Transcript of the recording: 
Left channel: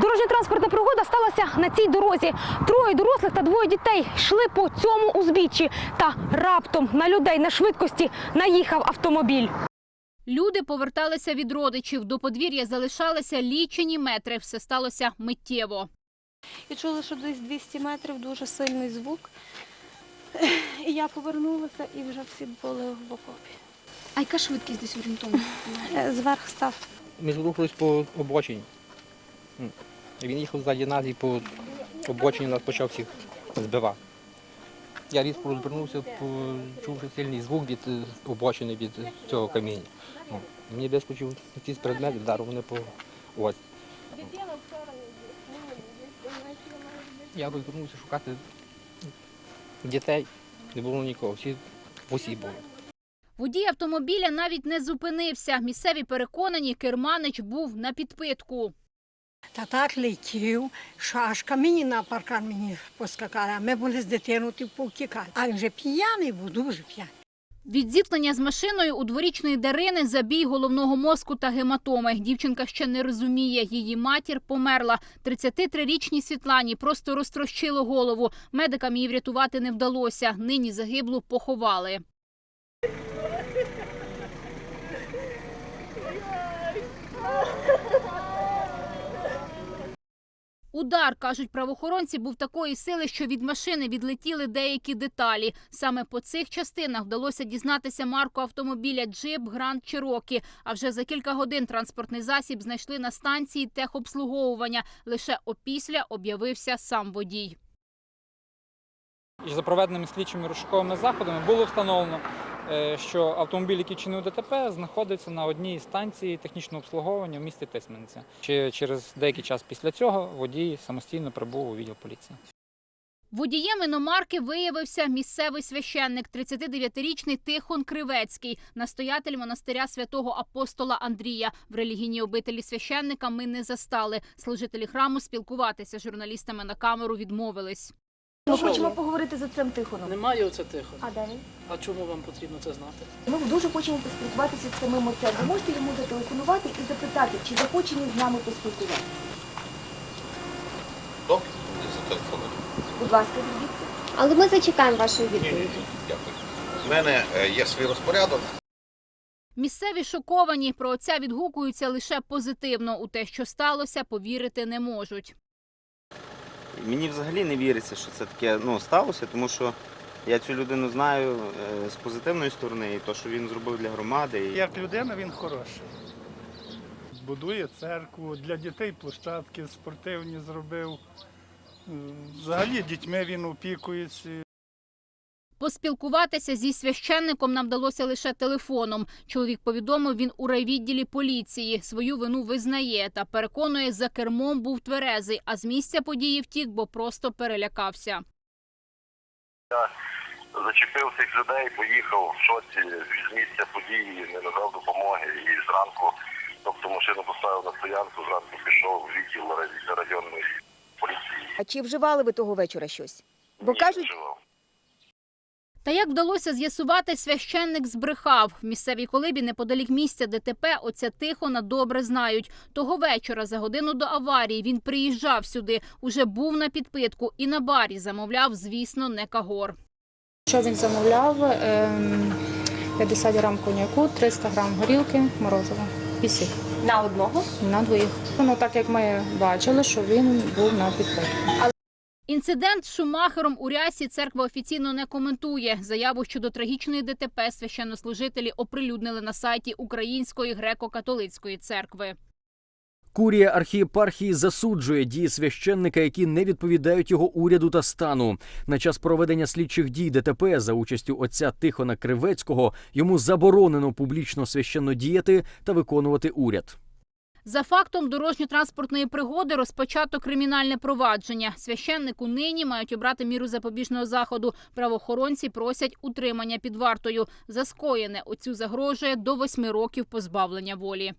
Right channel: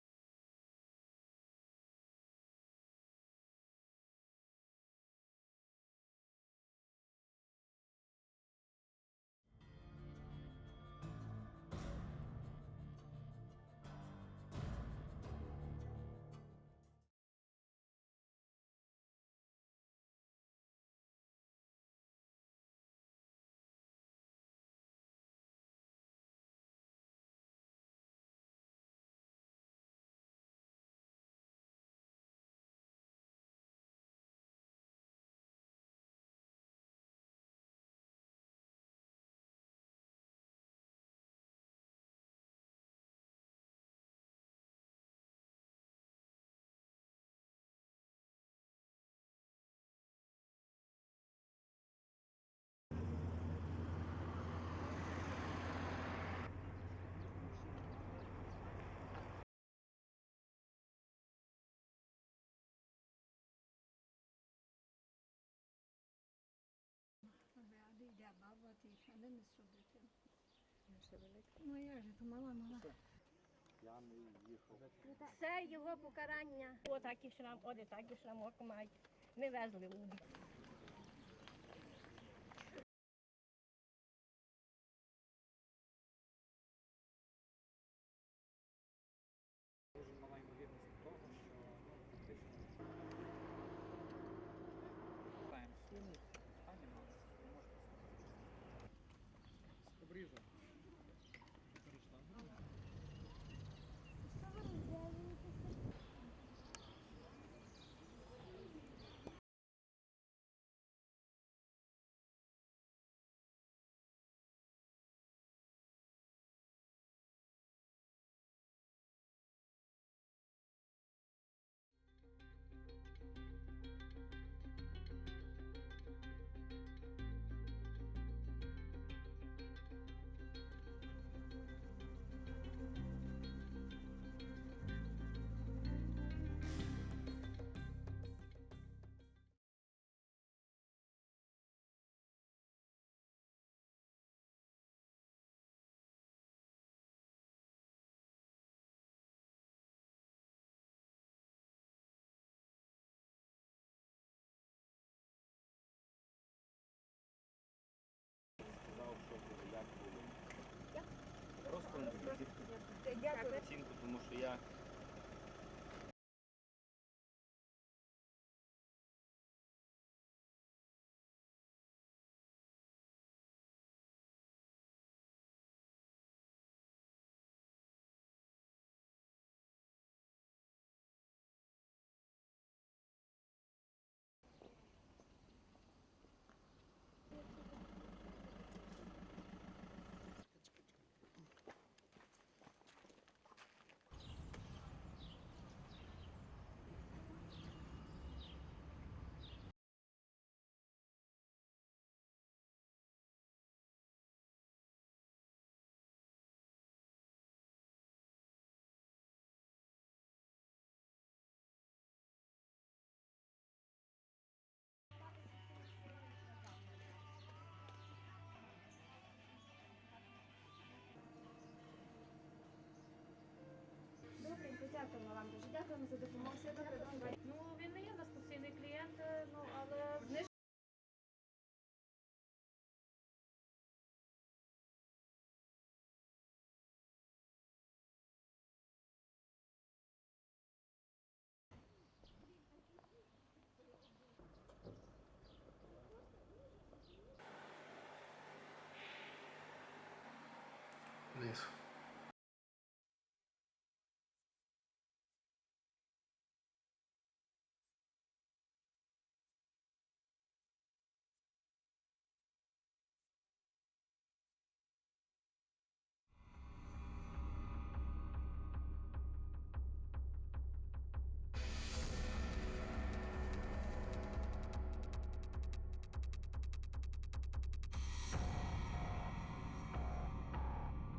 Дорожньо-транспортна пригода сталася на цій дорозі. Троє дорослих та двоє дітей йшли по цьому узбіччі. Та раптом на людей на швидкості наїхав автомобіль. Люди поверталися від родичів. До подвір'я залишалися лічені метри. Все сталося миттєво. І чула, що десь 200 метрів дуже сильний звук. І я повернулася і вже всі були в окопі. А яка швидкість десь орієнтовно? Е, Зверх став. Ми рухались по обочині. Він їхав ззаді нас і по обочині нас почав всіх збивати. Я різко розвернувся, почувши сильний звук від е, обочини від цього каміння. Ну, Мені вискочив якийсь предмет, вдарив мене по ось. Я розвернувся шукати дітей. Не було нікого, всі в усі були. Водій автомобіля навіть не зупинився. Місцеві переконані, керманич був на підпитку. Та так летів, що аж камінь на паркан мені поскакали, а ми були з дитиною повтікали. А він вже п'яний був, дуже п'яний. Від зіткнення з машиною у дворічної Дарини забій головного мозку та гематоми. Дівчинка ще не розуміє. Її матір померла. 33-річній Світлані просто розтрощило голову. Медикам її врятувати не вдалося. Нині загиблу поховали. Удар, кажуть правоохоронці, був такої сили, що від машини відлетіли деякі деталі. Саме по цих частинах вдалося дізнатися марку автомобіля Джип Гранд Чирокі. А вже за кілька годин транспортний засіб знайшли на станції техобслуговування. Лише опісля об'явився сам водій. За проведеними слідчими розшуковими заходами було встановлено, що автомобіль, який чинив ДТП, знаходиться на одній із станцій технічного обслуговування в місті Тисмениця. Чи через деякий час після цього водій самостійно прибув у відділ поліції. Водієм іномарки виявився місцевий священник, 39-річний Тихон Кривецький, настоятель монастиря святого апостола Андрія. В релігійній обителі священника ми не застали. Служителі храму спілкуватися з журналістами на камеру відмовились. Ми хочемо поговорити з цим Тихоном. Немає оце тихо. А де він? А чому вам потрібно це знати? Ми дуже хочемо поспілкуватися з самим отцем. Ви можете йому зателефонувати і запитати, чи захоче він з нами поспілкуватися. Добре, я зателефоную. Будь ласка, звідси. Але ми зачекаємо вашої Ні, ні, дякую. У мене е, є свій розпорядок. Місцеві шоковані про отця відгукуються лише позитивно. У те, що сталося, повірити не можуть. Мені взагалі не віриться, що це таке ну, сталося, тому що я цю людину знаю е, з позитивної сторони, і то, що він зробив для громади. І... Як людина він хороший. Будує церкву, для дітей площадки спортивні зробив. Взагалі дітьми він опікується. Поспілкуватися зі священником нам вдалося лише телефоном. Чоловік повідомив, він у райвідділі поліції. Свою вину визнає та переконує, за кермом був тверезий, а з місця події втік, бо просто перелякався. Я Зачепив цих людей, поїхав в шоці з місця події, не надав допомоги і зранку, тобто машину поставив на стоянку, зранку пішов в відділ районної поліції. А чи вживали ви того вечора щось? Бо Ні, кажуть, вживав. Та як вдалося з'ясувати, священник збрехав. В місцевій колибі неподалік місця ДТП отця Тихона добре знають. Того вечора, за годину до аварії, він приїжджав сюди, уже був на підпитку і на барі замовляв, звісно, не кагор. Що він замовляв? Ем, 50 грам коньяку, 300 грам горілки, морозива. Пісік. На одного. На двоїх. Ну, так як ми бачили, що він був на підпитку. Інцидент з Шумахером у рясі церква офіційно не коментує. Заяву щодо трагічної ДТП священнослужителі оприлюднили на сайті Української греко-католицької церкви. Курія архієпархії засуджує дії священника, які не відповідають його уряду та стану. На час проведення слідчих дій ДТП за участю отця Тихона Кривецького йому заборонено публічно священно діяти та виконувати уряд. За фактом дорожньо-транспортної пригоди розпочато кримінальне провадження. Священнику нині мають обрати міру запобіжного заходу. Правоохоронці просять утримання під вартою. За скоєне оцю загрожує до восьми років позбавлення волі.